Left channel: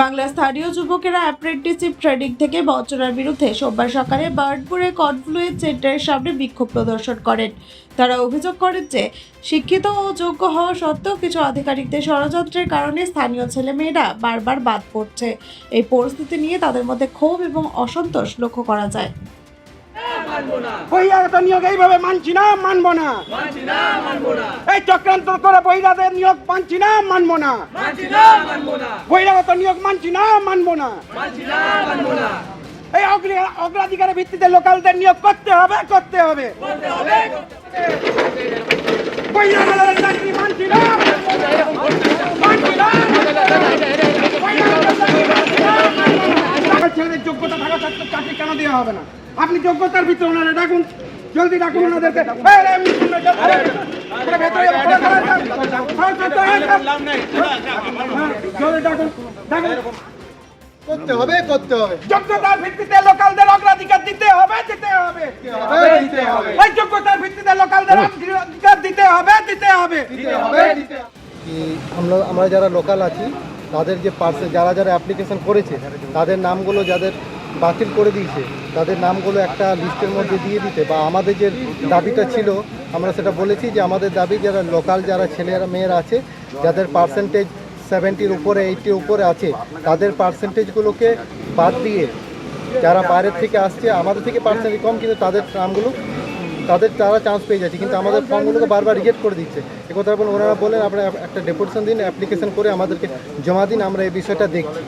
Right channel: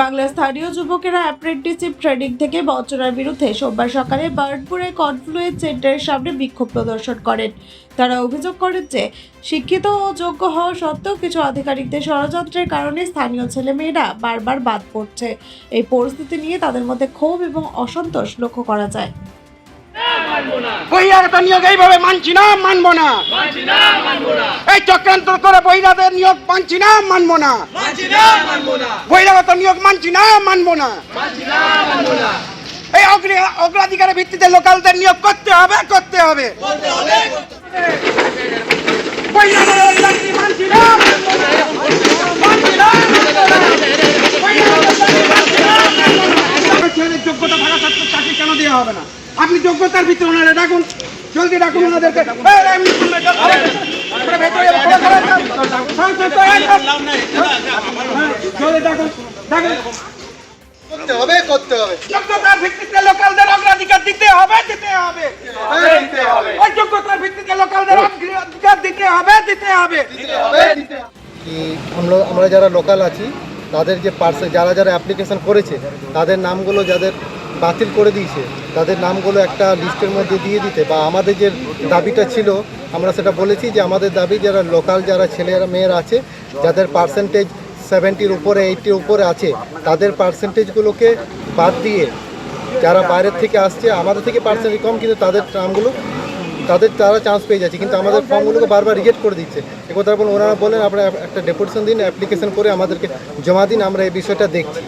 বাংলা স্থানীয় যুবকেরা apprenticeship training থেকে বঞ্চনার বিরুদ্ধে সোমবার সকালে বার্নপুরে কনফ্লুয়েন্স সেন্টারের সামনে বিক্ষোভ প্রদর্শন করেন। তারা অভিযোগ করেন যে শিক্ষিত ও যোগ্য হওয়া সত্ত্বেও কিছু আধিকারিকদের ষড়যন্ত্রের কারণে স্থানীয় ছেলেমেয়েরা বারবার বাদ পড়ছে। এই পরিস্থিতি নিয়ে তাদের মধ্যে ক্ষোভ এবং অসন্তোষ লক্ষ্য করা যায়। বহিরাগত নিয়োগ এইভাবে মানছি না, মানবো না। এই চক্রান্ত করে বহিরাগত নিয়োগ মানছি না, মানবো না। বহিরাগত নিয়োগ মানছি না, মানবো না। এই অগ্রাধিকারের ভিত্তিতে লোকালদের নিয়োগ করতে হবে, করতে হবে। বহিরাগত চাকরি মানছি না, মানছি না। ছেলেদের যোগ্যতা থাকা সত্ত্বেও চাকরি কেন দেওয়া হবে না? আপনি যোগ্যতার ভিতরে ওনারা ডাকুন, জলদি ডাকুন ওনাদেরকে। করতে হবে করতে হবে যোগ্যতার ভিত্তিতে লোকালদের অগ্রাধিকার দিতে হবে, দিতে হবে। এই যোগ্যতার ভিত্তিতে লোকালদের অগ্রাধিকার দিতে হবে, দিতে হবে। কি আমরা যারা লোকাল আছি তাদের যে যারা যারা অ্যাপ্লিকেশন করেছে তাদের নামগুলো যাদের বাতিল করে দিয়েছে তাদের নামগুলো একটা লিস্টের মধ্যে দিয়ে দিতে, বা আমাদের যে দাবিটা ছিল আমরা সেটা বলেছি যে আমাদের দাবি যারা লোকাল যারা ছেলেরা মেয়েরা আছে যাদের পার্সেন্টেজ 70-র উপরে 80-র উপরে আছে তাদের পার্সেন্টেজগুলোকে বাদ দিয়ে যারা বাইরের থেকে আসছে আমাদের থেকে পার্সেন্টেজ কম কিন্তু তাদের নামগুলো তারা চান্স পেয়ে যাচ্ছে, কিন্তু আমাদের ফর্মগুলোকে বারবার রিজেক্ট করে দিচ্ছে। একথা বলে ওনারা বলেন আপনারা একটা ডেপুটেশন দিন, অ্যাপ্লিকেশন করে আমাদেরকে জমা দিন, আমরা এই বিষয়টা দেখছি।